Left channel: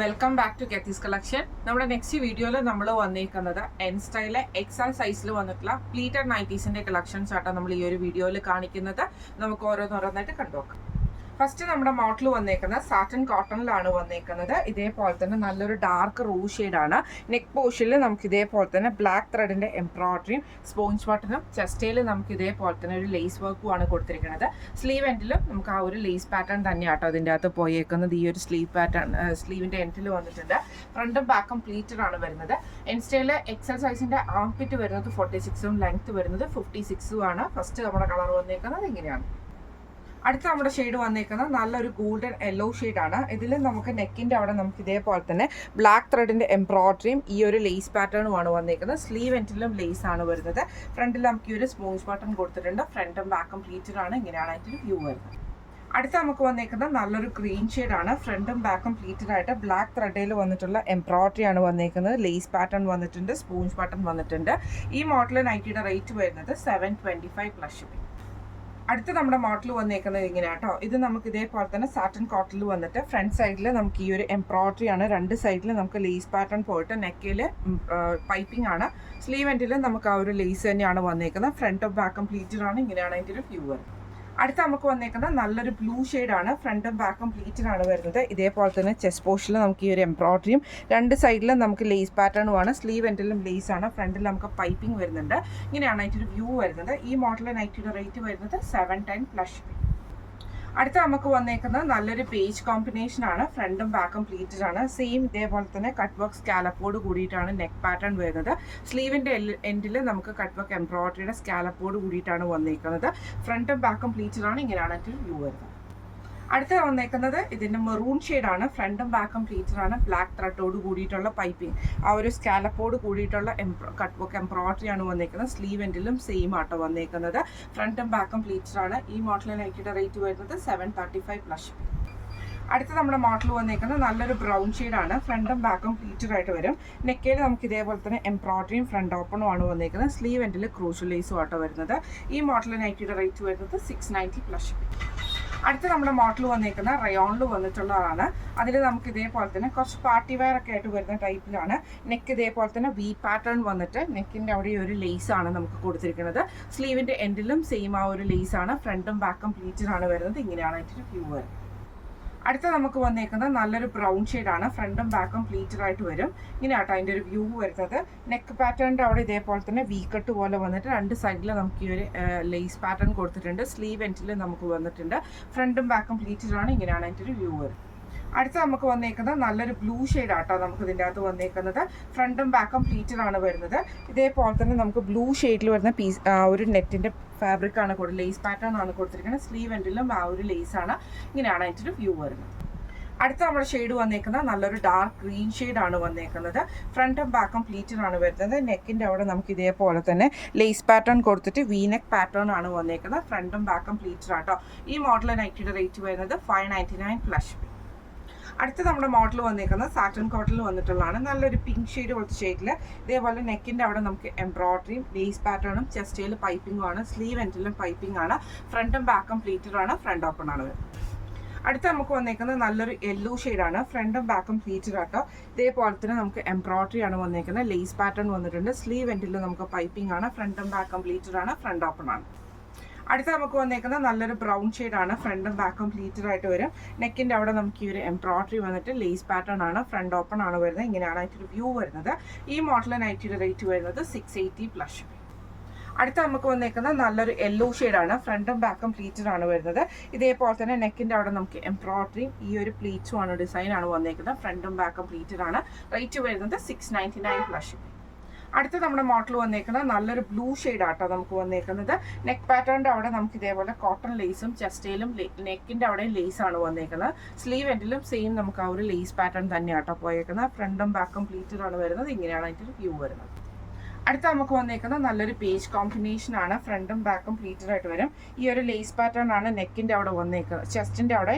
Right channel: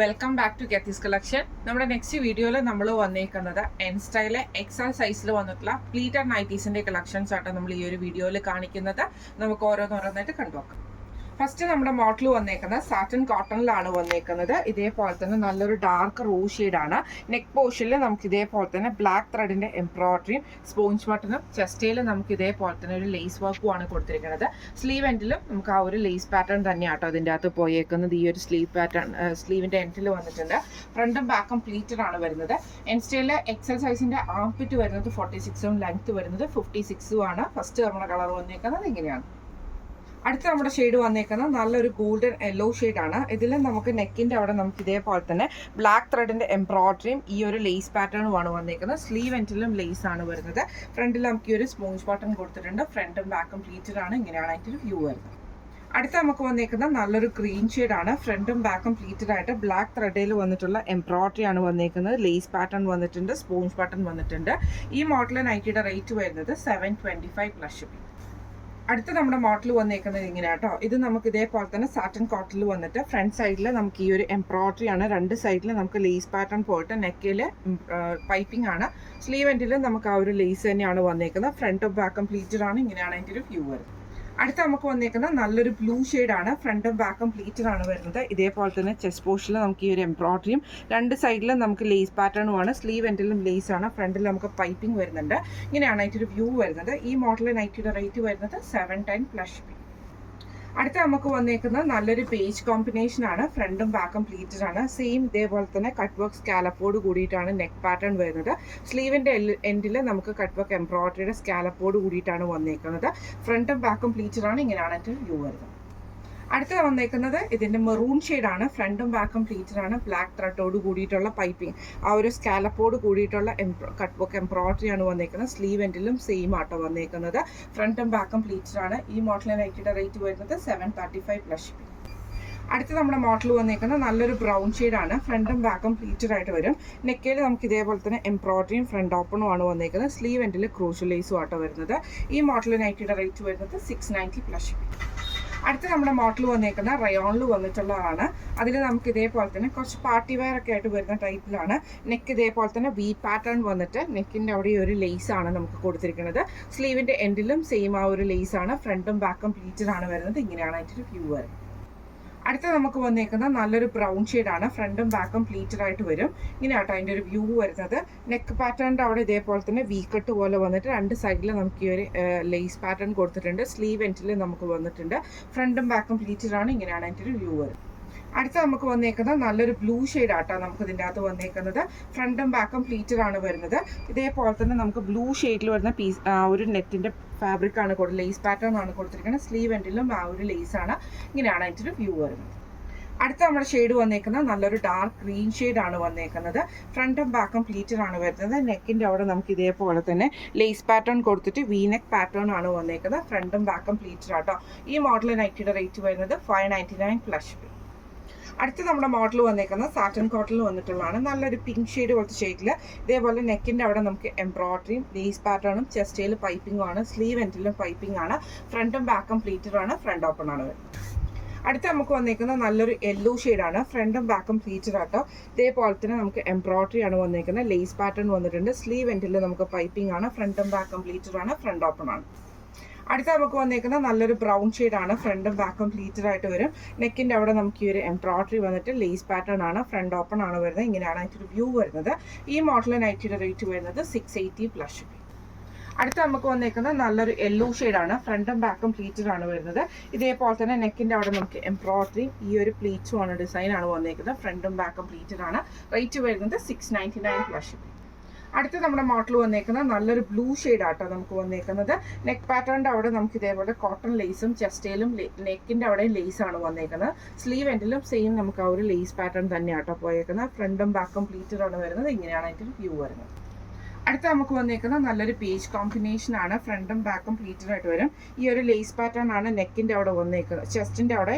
Welcome back to കെത്തീസ് collection. നമ്മുടെ next വീഡിയോയിൽ നമ്മൾ വന്നേക്കുന്നത് എൻ സ്റ്റൈലെ എക്സൽ സൈസിൽ വന്നിട്ടുള്ള പ്ലീറ്റഡ് നൈറ്റീസിന്റെ കളക്ഷൻസ് ആട്ടോ നമ്മൾ ഈ ഒരു വീഡിയോയിൽ കാണിക്കുന്നത്. നമുക്ക് ഓരോന്നോരോന്നായിട്ട് കണ്ടുനോക്കാം. ഫസ്റ്റ് നമ്മുടെ മോഡൽ വന്നേക്കുന്നത് സാറ്റൻ കോട്ടണിലാണ് വന്നേക്കുന്നത്. ഇതേപോലെ തന്നെ നല്ലൊരു ഡാർക്ക് റൂ ഷെയ്ഡാണ്. നെക്ക് പോർഷനിൽ നമുക്ക് ഇതേപോലെ തന്നെ ബ്ലാക്ക് ത്രെഡിന്റെ എംബ്രോയിഡറിയും സ്പോഞ്ച് ബട്ടണും ചെസ്റ്റയിൽ നമുക്ക് ഇതേപോലെ തന്നെ ഒരു ലേസ് വർക്കും ആണ് കൊടുത്തിരിക്കുന്നത്. സ്ലീവ് എൻഡിലും നമുക്ക് ആ ഒരു ലേസ് പാറ്റേൺ തന്നെയാട്ടോ അതിൻ്റെ അകത്ത് പോയേക്കുന്നത്. ഈ ഒരു സ്ലീവ് പാറ്റേൺ സ്ലീവിന്റെ എൻഡിൽ വന്നിട്ടുണ്ട്. ഫ്രണ്ടും ബാക്കും പ്ലീറ്റഡ് ആണ് വരുന്നത്. എൻ സ്റ്റൈലിലെ എക്സൽ സൈസിന്റെ ആംപിറ്റ് വരുന്നത് 46ഉം ലെങ്ത് വരുന്നത് 56ഉം ആണ്. ഫസ്റ്റ് നമ്മുടെ കളർ വന്നേക്കുന്നത് ഇങ്ങനെയാണ്. അടുത്ത നമ്മുടെ ഷെയ്ഡ് വന്നേക്കുന്നത് നല്ലൊരു ഗോൾഡൻ യെല്ലോ ഷെയ്ഡാണ്. ഇതിൽ നമുക്ക് നെക്കിൻ്റെ അവിടെ നമുക്ക് ഇതേപോലെ തന്നെ ബ്ലാക്ക് ത്രെഡിൻ്റെ എംബ്രോയിഡറിയും ഈ ഒരു ലേസ് പാറ്റേണുമാണ് വന്നേക്കുന്നത്. സ്ലീവ് എൻഡിലും ലേസ് ആണ് വരുന്നത്. ഫ്രണ്ടിൽ നമുക്ക് ഈ ഒരു സ്പോഞ്ച് ബട്ടൺ കൊടുത്തിട്ടുണ്ട്. ഫ്രണ്ടും ബാക്കും പ്ലീറ്റഡ് ആണ്. ഇങ്ങനെയാണ് അതിൻ്റെ ഒരു വ്യൂ വരുന്നത്. അടുത്ത നമുക്ക് വന്നേക്കുന്നത് നല്ലൊരു ഗ്രീൻ ഷെയ്ഡാണ്. ഫ്രണ്ടും ബാക്കും പ്ലീറ്റഡ് ആയിട്ട് ബ്ലാക്ക് ത്രെഡിൽ വന്നിട്ടുള്ള എംബ്രോയിഡറി ആണ് വന്നേക്കുന്നത്. ലേസ് പാറ്റേൺ വന്നിട്ടുണ്ട്. സ്പോഞ്ച് ബട്ടൺ വന്നിട്ടുണ്ട്. ഈ മോഡൽ നൈറ്റിയുടെ റേറ്റ് വരുന്നത് 725 പ്ലസ് ഷിപ്പിംഗ്. അടുത്ത നമ്മുടെ മോഡൽ വന്നേക്കുന്നത് ഇങ്ങനെ കേട്ടോ. ഇത് നമുക്ക് ഇതേപോലെ തന്നെ സാറ്റൻ കോട്ടണിൽ വന്നിട്ട് ഫ്രണ്ട് സൈഡിൽ നമുക്ക് ഈ ഒരു എംബ്രോയിഡറി ആണ്. രണ്ട് സൈഡിൽ നമുക്ക് ലേസ് പാറ്റേൺ പോയിട്ട് നെക്കിൽ പൈപ്പിംഗ് ആണ്. സ്ലീവ് എൻഡിൽ നമുക്ക് ആ ഒരു ലേസ് തന്നെയാണ് വന്നേക്കുന്നത്. ഫ്രണ്ടും ബാക്കും പ്ലീറ്റഡ് ആണ്. ഇങ്ങനെയാണ് അതിൻ്റെ ഒരു വ്യൂ വരുന്നത്. അടുത്ത നമുക്ക് വന്നേക്കുന്നത് നല്ലൊരു ബ്ലൂ ഷെയ്ഡാണ്. ഫ്രണ്ടും ബാക്കും പ്ലീറ്റഡ് ആണ് വരുന്നത്. ഇതേപോലെ തന്നെ ചെസ്റ്റ് പോർഷനിൽ നമുക്ക് ഈ ഒരു എംബ്രോയിഡറിയും രണ്ട് സൈഡിലും നമുക്ക് ലേസ് പാറ്റേണുമാണ്. സ്ലീവ് എൻഡിലും ലേസ് ആണ്. ഫ്രണ്ടിൽ നമുക്ക് പൈപ്പിംഗ് വരുന്നുണ്ട്. ഇങ്ങനെയാണ് അതിൻ്റെ ഒരു വ്യൂ വരുന്നത്. ഈ മോഡൽ നൈറ്റിയുടെ റേറ്റ് വരുന്നത് 710 പ്ലസ് ഷിപ്പിംഗ്. അടുത്ത നമുക്ക് വന്നേക്കുന്നത് നല്ലൊരു പേജ് കോമ്പിനേഷൻ ആണ്. ഫ്രണ്ടും ബാക്കും പ്ലീറ്റഡ് ആണ്. സെയിം ഇതേപോലെ തന്നെ കട്ട് വർക്ക് സ്കാലപ്പോട് കൂടിയിട്ടാണ് നെക്ക് പാറ്റേൺ വരുന്നത്. സ്ലീവിൻ്റെ എൻഡിൽ നമുക്ക് കട്ട് വർക്ക് എംബ്രോയിഡറിയുടെ സ്കാലപ്പോട് കൂടിയിട്ടാണ് വന്നേക്കുന്നത്. ഫ്രണ്ടും ബാക്കും പ്ലീറ്റഡ് ആണ്. ഇങ്ങനെയാണ് അതിൻ്റെ വ്യൂ വരുന്നത്. അടുത്ത വന്നേക്കുന്നത് ഇതിൻ്റെ മെറൂൺ ഷെയ്ഡാണ്. ഫ്രണ്ടും ബാക്കും പ്ലീറ്റഡ് ആണ്. ബ്ലാക്ക് ത്രെഡോട് കൂടിയിട്ടുള്ള പൈപ്പിംഗ് ആ ഒരു സ്കാലപ്പോട് കൂടിയിട്ടുള്ള കട്ട് വർക്ക് എംബ്രോയിഡറി ആണ് വന്നേക്കുന്നത്. സ്ലീവ് എൻഡിലും സെയിം ആട്ടോ വന്നേക്കുന്നത്. ഫ്രണ്ടും ബാക്കും പ്ലീറ്റഡ് ആണ്. ഈ മോഡലിന് നൈറ്റിയുടെ റേറ്റ് വരുന്നത് 735 പ്ലസ് ഷിപ്പിംഗ്. അടുത്ത നമ്മുടെ മോഡൽ വന്നേക്കുന്നത് നല്ലൊരു ബ്രൗൺ ഷെയ്ഡാണ്. ഫ്രണ്ടും ബാക്കും പ്ലീറ്റഡ് ആയിട്ട് വരും. നെക്കയിൽ നമുക്ക് ഇതേപോലെ തന്നെ എംബ്രോയിഡറിയും ഫ്രണ്ട് ഓപ്പണും ആണ് വന്നേക്കുന്നത്. സ്ലീവ് എൻഡിൽ ക്രൂഷ്യൽ ലേസും ആട്ടോ വരുന്നത്. ഈ മോഡൽ നൈറ്റിയുടെ റേറ്റ് വരുന്നത് 690 പ്ലസ് ഷിപ്പിംഗ്. അടുത്ത നമ്മുടെ മോഡൽ വന്നേക്കുന്ന റയോണിൽ വന്നിട്ടുള്ളതാണ്. അതിൽ നമുക്ക് ഇതേപോലെ തന്നെ കുറച്ച് പാർട്ടി വെയർ ഒക്കെ ആയിട്ട് വരുന്ന ടൈപ്പിലാണ്. നെക്ക് ഇതേപോലെ തന്നെ വി പാറ്റേൺ വന്നിട്ട് നെക്കിൻ്റെ അവിടെ ഒരു ലേസ് ആണ് നമുക്ക് കൊടുത്തിരിക്കുന്നത്. സ്ലീവിൻ്റെ എൻഡിലും സെയിം ആ ഒരു ലേസ് ആണ്. ഫ്രണ്ടും ബാക്കും പ്ലീറ്റഡ് ആണ് വരുന്നത്. ഇങ്ങനെയാണ് അതിൻ്റെ വ്യൂ വരുന്നത്. അടുത്ത നമുക്ക് വന്നേക്കുന്നത് നല്ലൊരു ബ്രൗൺ ഷെയ്ഡാണ്. ഫ്രണ്ടും ബാക്കും പ്ലീറ്റഡ് ആയിട്ട് വരും. ഇങ്ങനെയാട്ടോ അതിൻ്റെ ഒരു വ്യൂ വരുന്നത്. നെക്ക് പാറ്റേണിൻ്റെ അവിടെ ഇതേപോലെ തന്നെ വി കട്ട് പോലെ വന്നിട്ട് രണ്ട് സൈഡിൽ നമുക്ക് ഈ ഒരു ലേസ് പാറ്റേൺ കൊടുത്തിട്ടുണ്ട്. സ്ലീവ് എൻഡിൽ നമുക്ക് വന്നിട്ടുണ്ട്. ഫ്രണ്ടും ബാക്കും പ്ലീറ്റഡ് ആണ്. ഇങ്ങനെയാണ് അതിൻ്റെ ഒരു വ്യൂ വരുന്നത്. അടുത്ത നമുക്ക് വന്നേക്കുന്നത് നല്ലൊരു ബ്ലൂ ഷെയ്ഡാട്ടോ നമുക്ക് ഇതിൻ്റെ അകത്ത് വന്നേക്കുന്നത്. ഫ്രണ്ടും ബാക്കും പ്ലീറ്റഡ് ആണ് വരുന്നത്. ഇതേപോലെ തന്നെ നമുക്ക് ബ്ലൂ ഷെയ്ഡിൽ വരുന്ന പീസ് ഒരു നെറ്റിൻ്റെ ഫാബ്രിക് ആണ് ലേസ് പാറ്റേൺ ആണ് കൊടുത്തിരിക്കുന്നത്. സ്ലീവ് എൻഡിലും ആ ഒരു ലേസ് ആണ്. ഇങ്ങനെയാണ് അതിൻ്റെ ഒരു വ്യൂ വരുന്നത്. അടുത്ത നമ്മുടെ ഷെയ്ഡ് വന്നേക്കുന്നത് നല്ലൊരു ഡാർക്ക് ഗ്രീൻ ഷെയ്ഡാണ് വന്നേക്കുന്നത്. ഫ്രണ്ടും ബാക്കും പ്ലീറ്റഡ് ആണ് വരുന്നത്. നെക്കിൻ്റെ അവിടെ നമുക്ക് ഇതേപോലെ തന്നെ ലേസ് പാറ്റേൺ കൊടുത്തിട്ട് വി നെക്ക് പാറ്റേൺ ആണ് വന്നേക്കുന്നത്. ഫ്രണ്ടും ബാക്കും പ്ലീറ്റഡ് ആട്ടോ. ഈ മോഡൽ നൈറ്റിയുടെ റേറ്റ് വരുന്നത് 599 പ്ലസ്. അടുത്ത നമ്മുടെ മോഡൽ വന്നേക്കുന്നത് സാറ്റൻ കോട്ടണിൽ വന്നിട്ടുള്ളതാണ്. നല്ലൊരു പിങ്ക് ഷെയ്ഡ് പോലത്തെ ഷെയ്ഡിൽ ഇതേപോലെ നെക്കിൻ്റെ അവിടെ നമുക്ക് എംബ്രോയിഡറിയും ലേസ് പാറ്റേണും ചെസ്റ്റയിൽ പൈപ്പിംഗും ആണ്. സ്ലീവ് എൻഡിലും പൈപ്പിംഗ് ആണ്. ഫ്രണ്ടും ബാക്കും പ്ലീറ്റഡ് ആണ്. ഫ്രണ്ട് ഓപ്പൺ ആണ് വരുന്നത്. അടുത്ത നമുക്ക് വന്നേക്കുന്നത് നല്ലൊരു യെല്ലോ ഷെയ്ഡാണ്. ഫ്രണ്ടും ബാക്കും പ്ലീറ്റഡ് ആട്ടോ. ഇതേപോലെ തന്നെ നമുക്ക് എംബ്രോയിഡറി ആണ് വന്നേക്കുന്നത്. ലേസ് പാറ്റേൺ വന്നിട്ടുണ്ട്. സ്ലീവ് എൻഡിൽ നമുക്ക് പൈപ്പിംഗ് ആണ്. ഫ്രണ്ടും ബാക്കും പ്ലീറ്റഡ് ആണ്. ഫ്രണ്ട് ഓപ്പൺ ആണ്. അടുത്ത നമുക്ക് വന്നേക്കുന്നത് നല്ലൊരു ബ്രൗൺ ഷെയ്ഡാണ്. ഫ്രണ്ടും ബാക്കും പ്ലീറ്റഡ് ആയിട്ട് വരും. നെക്കിൻ്റെ അവിടെ നമുക്ക് ഈ ഒരു എംബ്രോയിഡറി വന്നിട്ട് ലേസ് പാറ്റേൺ ആണ്. ഫ്രണ്ട് ഓപ്പൺ ആണ് വരുന്നത്. ഇങ്ങനെയാണ് അതിൻ്റെ വ്യൂ വരുന്നത്. ഈ മോഡൽ നൈറ്റിയുടെ റേറ്റ് വരുന്നത് 680 പ്ലസ്. അടുത്ത നമുക്ക് വന്നേക്കുന്നത് നല്ലൊരു യെല്ലോ ഷെയ്ഡാണ്. ഫ്രണ്ടും ബാക്കും പ്ലീറ്റഡ് ആണ് വരുന്നത്. ഇതേപോലെ തന്നെ നെക്കിൻ്റെ അവിടെ നമുക്ക് എംബ്രോയിഡറിയും ഈ ഒരു പ്ലീറ്റ്സും ആണ് ഡിസൈൻ ആണ് വന്നേക്കുന്നത്. ഫ്രണ്ടും ബാക്കും പ്ലീറ്റഡ് ആണ്. റേറ്റ് വരുന്നത് 699 പ്ലസ്. അടുത്ത നമ്മുടെ മോഡൽ വന്നേക്കുന്നത് നല്ലൊരു ബ്ലൂ ഷെയ്ഡാട്ടോ നമുക്ക് വന്നേക്കുന്നത്. നെക്ക് പാറ്റേണിൻ്റെ അവിടെ നമുക്ക് ഇതേപോലെ കോട്ടൺ ലേസും ചെസ്റ്റയിലും നെക്കിൻ്റെ അവിടെ ലേസ് ആണ് വന്നേക്കുന്നത്. സ്ലീവ് എൻഡിലും സെയിം നമുക്ക് ആ ഒരു ലേസ് പാറ്റേൺ തന്നെയാട്ടോ പോയേക്കുന്നത്. ഫ്രണ്ടും ബാക്കും പ്ലീറ്റഡ് ആണ് വരുന്നത്. ഇങ്ങനെയാണ് അതിൻ്റെ വ്യൂ വരുന്നത്. അടുത്ത നമുക്ക് വന്നേക്കുന്നത് നല്ലൊരു പേജ് കോമ്പിനേഷൻ ആണ്. ഫ്രണ്ടും ബാക്കും പ്ലീറ്റഡ് ആയിട്ട് വരും. ഈ ഒരു ലേസ് പാറ്റേൺ ആണ് നെക്കിൻ്റെ അവിടെ വന്നേക്കുന്നത്. ചെസ്റ്റിൻ്റെ അവിടെ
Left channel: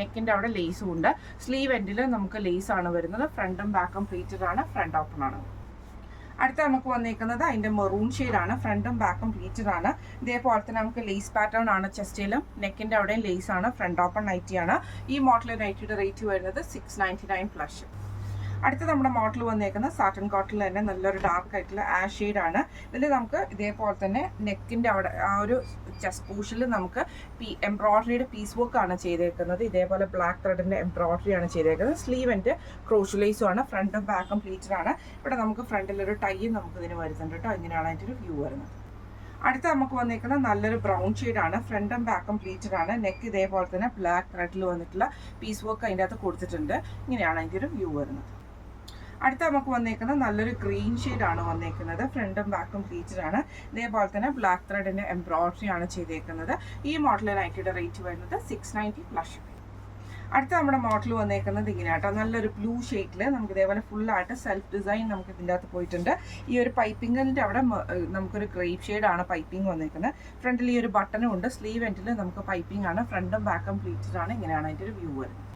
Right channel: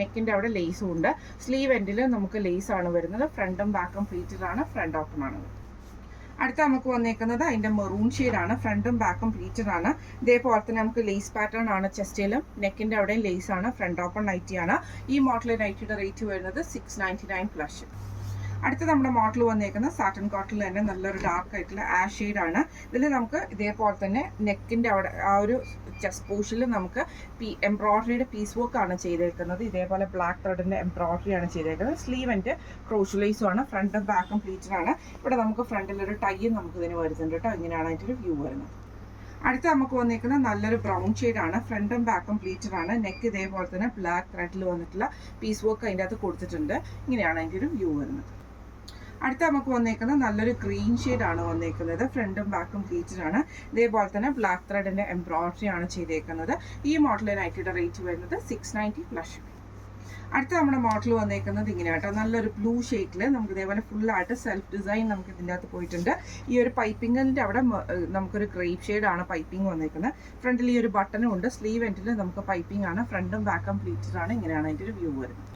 നെക്കിൻ്റെ അവിടെ ലേസും ഉണ്ട്. സ്ലീവ് എൻഡിൽ നമുക്ക് ലേസ് ആണ് വരുന്നത്. ഫ്രണ്ടും ബാക്കും പ്ലീറ്റഡ് ആണ്. ഫ്രണ്ട് ഓപ്പൺ ആണ്. അടുത്ത നമുക്ക് വന്നേക്കുന്നത് അതിൻ്റെ മെറൂൺ ഷെയ്ഡാണ്. ഫ്രണ്ടും ബാക്കും പ്ലീറ്റഡ് ആണ്. ഇതേപോലെ തന്നെ നമുക്ക് ലേസ് പാറ്റേൺ ആണ്. ചെസ്റ്റിലും നെക്കിൻ്റെ അവിടെയും ലേസ് ആണ്. ഫ്രണ്ട് ഓപ്പൺ നൈറ്റിയാണ്. ഈ മോഡൽ നൈറ്റിയുടെ റേറ്റ് വരുന്നത് 699 പ്ലസ്. അടുത്ത നമ്മുടെ മോഡൽ വന്നേക്കുന്നത് സാറ്റൻ കോട്ടണിൽ തന്നെ നല്ലൊരു ഡാർക്ക് ആയിട്ടുള്ള ആഷ് ഷെയ്ഡാണ്. ഇതിൽ നമുക്ക് ഇതേപോലെ തന്നെ നെക്കിൻ്റെ അവിടെ ആ ഒരു ചെസ്റ്റ് പോർഷനിൽ നമുക്ക് എംബ്രോയ്ഡറിയുടെ പീസ് വർക്ക് ആണ് ചെയ്തേക്കുന്നത്. ഇതേപോലെ ബ്ലാക്ക് ത്രെഡിൻ്റെ എംബ്രോയ്ഡറി ആണ് ചെയ്തേക്കുന്നത്. സ്ലീവിൻ്റെ ക്രോഷ്ലേസും ആണ്. ഫ്രണ്ടും ബാക്കും പ്ലീറ്റഡ് ആണ്. ഇവിടെ നമുക്ക് ഫ്രണ്ടിലൊരു ടൈ നമുക്ക് ഇതിന് വരുന്നുണ്ട് കേട്ടോ. ഇങ്ങനെയാണ് അതിൻ്റെ ഒരു വ്യൂ വരുന്നത്. അടുത്ത നമുക്ക് വന്നിരിക്കുന്ന നല്ലൊരു ബ്രൗൺ ഷെയ്ഡാണ്. ഫ്രണ്ടും ബാക്കും പ്ലീറ്റഡ് ആണ്. നെക്ക് ഇതേപോലെ തന്നെ ബ്ലാക്ക് ത്രെഡിൽ വന്നിട്ടുള്ള പീസ് വർക്ക് അതിൻ്റെ അകത്ത് കൊടുത്തിട്ടുണ്ട്. ഇങ്ങനെയാണ് അതിൻ്റെ ഒരു വ്യൂ വരുന്നത്. അടുത്ത നമുക്ക് വന്നേക്കുന്നത് നല്ലൊരു ഗ്രീൻ ഷെയ്ഡാണ് വന്നേക്കുന്നത്. ഫ്രണ്ടും ബാക്കും പ്ലീറ്റഡ് ആണ്. ഇതേപോലെ തന്നെ ബ്ലാക്ക് ത്രെഡിൻ്റെ എംബ്രോയ്ഡറി ആണ് ചെയ്തേക്കുന്നത്. ഈ മോഡൽ നൈറ്റിയുടെ റേറ്റ് വരുന്നത് 690 പ്ലസ്. അടുത്ത നമ്മുടെ മോഡൽ വന്നേക്കുന്നത് ഇങ്ങനെയാട്ടോ. നല്ലൊരു ബ്ലൂ ഷെയ്ഡിൽ നമുക്ക് ഇതേപോലെ ഫുള്ളായിട്ട് സെൽഫ് ഡിസൈൻ നമുക്ക് ഇതിൻ്റെ അകത്ത് പോയിട്ടുണ്ട്. ഈ ഒരു പൈപ്പിങ്ങിൻ്റെ അവിടെ നമുക്കൊരു ഗ്രേപ്പ് ഷെയ്ഡാണ് പൈപ്പിംഗ് വന്നേക്കുന്നത്. ഫ്രണ്ടിൽ ഈ ഒരു ബട്ടണും ഉണ്ട്. സ്ലീവ് എൻഡിൽ നമുക്ക് പൈപ്പിംഗ് ആണ്. ഫ്രണ്ടും ബാക്കും പ്ലീറ്റഡ് ആണ്. ഇങ്ങനെയാണ് അതിൻ്റെ ഒരു വ്യൂ വരുന്നത്.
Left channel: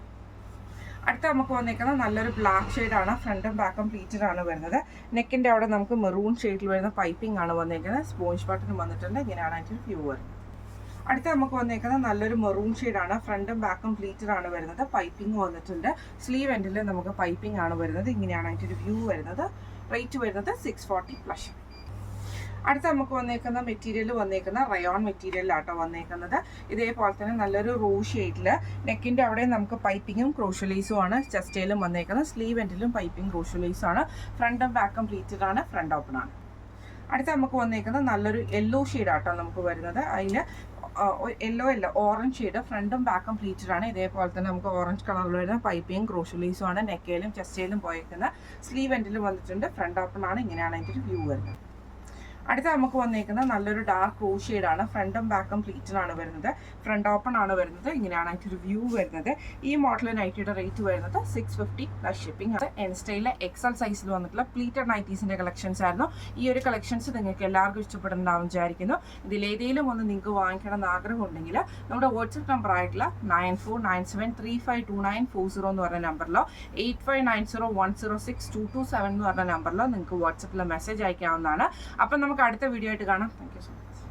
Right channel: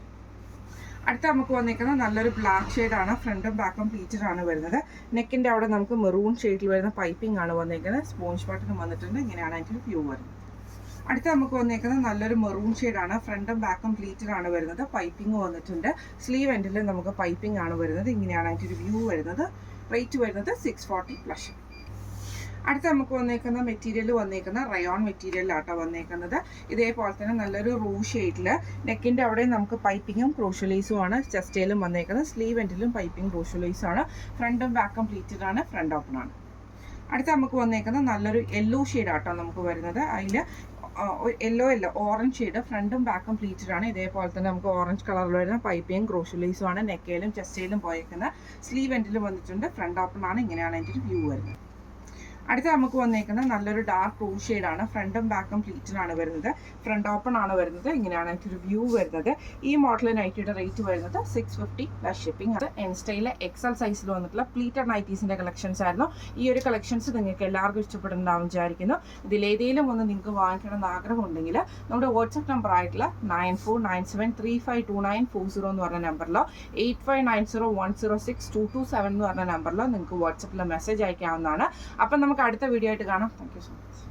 അടുത്ത നമുക്ക് വന്നേക്കുന്നത് നല്ലൊരു ബ്ലാക്ക് ഷെയ്ഡാണ്. ഫ്രണ്ടും ബാക്കും പ്ലീറ്റഡ് ആണ് വരുന്നത്. നെക്കിൻ്റെ അവിടെ നമുക്ക് മെറൂൺ ഷെയ്ഡിൽ വരുന്ന പൈപ്പിംഗ് ആണ് വന്നേക്കുന്നത്. സ്പോഞ്ച് ബട്ടൺ വന്നിട്ടുണ്ട്. ഇങ്ങനെയാണ് അതിൻ്റെ വ്യൂ വരുന്നത്. അടുത്ത നമുക്ക് വന്നേക്കുന്നത് നല്ലൊരു മെറൂൺ ഷെയ്ഡാണ്. ഫ്രണ്ടും ബാക്കും പ്ലീറ്റഡ് ആണ് വരുന്നത്. പൈപ്പിംഗ് വന്നിട്ടുണ്ട്. സ്ലീവ് എൻഡിൽ നമുക്ക് പൈപ്പിംഗ് ആണ് വരുന്നത്. ഇങ്ങനെയാണ് അതിൻ്റെ ഒരു വ്യൂ വരുന്നത്. റേറ്റ് വരുന്നത് 640 പ്ലസ്. അടുത്ത നമുക്ക് വന്നേക്കുന്ന മെറ്റീരിയൽ വന്നേക്കുന്ന റയോൺ മെറ്റീരിയലാട്ടോ വന്നേക്കുന്നത്. ഇതേപോലെ തന്നെ നല്ലൊരു റൂ ഷെയ്ഡിൽ നെക്കിൻ്റെ അവിടെ നമുക്ക് പൈപ്പിങ്ങും ക്രോഷ്യലൈസും ആണ്. ചെസ്റ്റയിലും വന്നേക്കുന്നത്. സ്ലീവ് എൻഡിലും പൈപ്പിംഗ് ക്രോഷ്യലൈസും ആണ്. ഫ്രണ്ടും ബാക്കും പ്ലീറ്റഡ് ആണ്. ഫ്രണ്ട് ഓപ്പൺ ആണ്. അടുത്ത നമുക്ക് വന്നേക്കുന്നത് നല്ലൊരു യെല്ലോ ഷെയ്ഡാട്ടോ നമുക്ക് വരുന്നത്. അതിൽ യെല്ലോ അല്ല ഓറഞ്ച് ഷെയ്ഡ്. ഫ്രണ്ടും ബാക്കും പ്ലീറ്റഡ് ആണ്. ഇതേപോലെ തന്നെ നമുക്ക് ഓറഞ്ച് കളറിൽ വരുന്ന പൈപ്പിങ്ങും ക്രോഷ്യലൈസും ആണ്. നെക്കയിലും ചെസ്റ്റയിലും പോയേക്കുന്നത്. സ്ലീവ് എൻഡിലും വന്നിട്ടുണ്ട്. ഫ്രണ്ട് ഓപ്പൺ ആണ്. ഇങ്ങനെയാണ് അതിൻ്റെ ഒരു വ്യൂ വരുന്നത്. അടുത്ത നമുക്ക് വന്നേക്കുന്ന നല്ലൊരു ഡാർക്ക് റൂ ഷെയ്ഡാണ്. ഫ്രണ്ടും ബാക്കും പ്ലീറ്റഡ് ആണ് വരുന്നത്. ഫ്രണ്ട് ഓപ്പൺ ആണ് വരുന്നത്. ഇങ്ങനെയാണ് അതിൻ്റെ വ്യൂ വരുന്നത്. ഈ മോഡൽ നൈറ്റിയുടെ റേറ്റ് വരുന്നത് 650 പ്ലസ് ഷിപ്പിംഗ്. അത് എൻ സ്റ്റൈലിലെ എക്സൽ സൈസിൽ വന്നിട്ടുള്ള പ്ലീറ്റഡ് നൈറ്റീസിൻ്റെ കളക്ഷൻസ് ആയിരുന്നു. ഈ ഒരു കളക്ഷൻസ് നിങ്ങൾക്ക് എല്ലാവർക്കും ഇഷ്ടപ്പെടുന്നുണ്ടാവും വിചാരിക്കുന്നു. ഇതിലേതെങ്കിലും ഒന്ന് നിങ്ങൾക്ക് വാങ്ങിക്കണം എന്ന് ആഗ്രഹമുണ്ടെങ്കിൽ നമ്മുടെ വാട്സപ്പ് നമ്പർ ആയിട്ടുള്ള 9497352940 എന്ന് പറഞ്ഞ നമ്പറിലോ 8590106227 എന്ന് പറഞ്ഞ നമ്പറിലോ നിങ്ങൾക്ക് വാട്സപ്പിൽ മെസ്സേജ് അയക്കാവുന്നതാണ്. അപ്പം നമുക്ക് അടുത്ത വീഡിയോ ആയിട്ട് കാണാം. Thank you so much.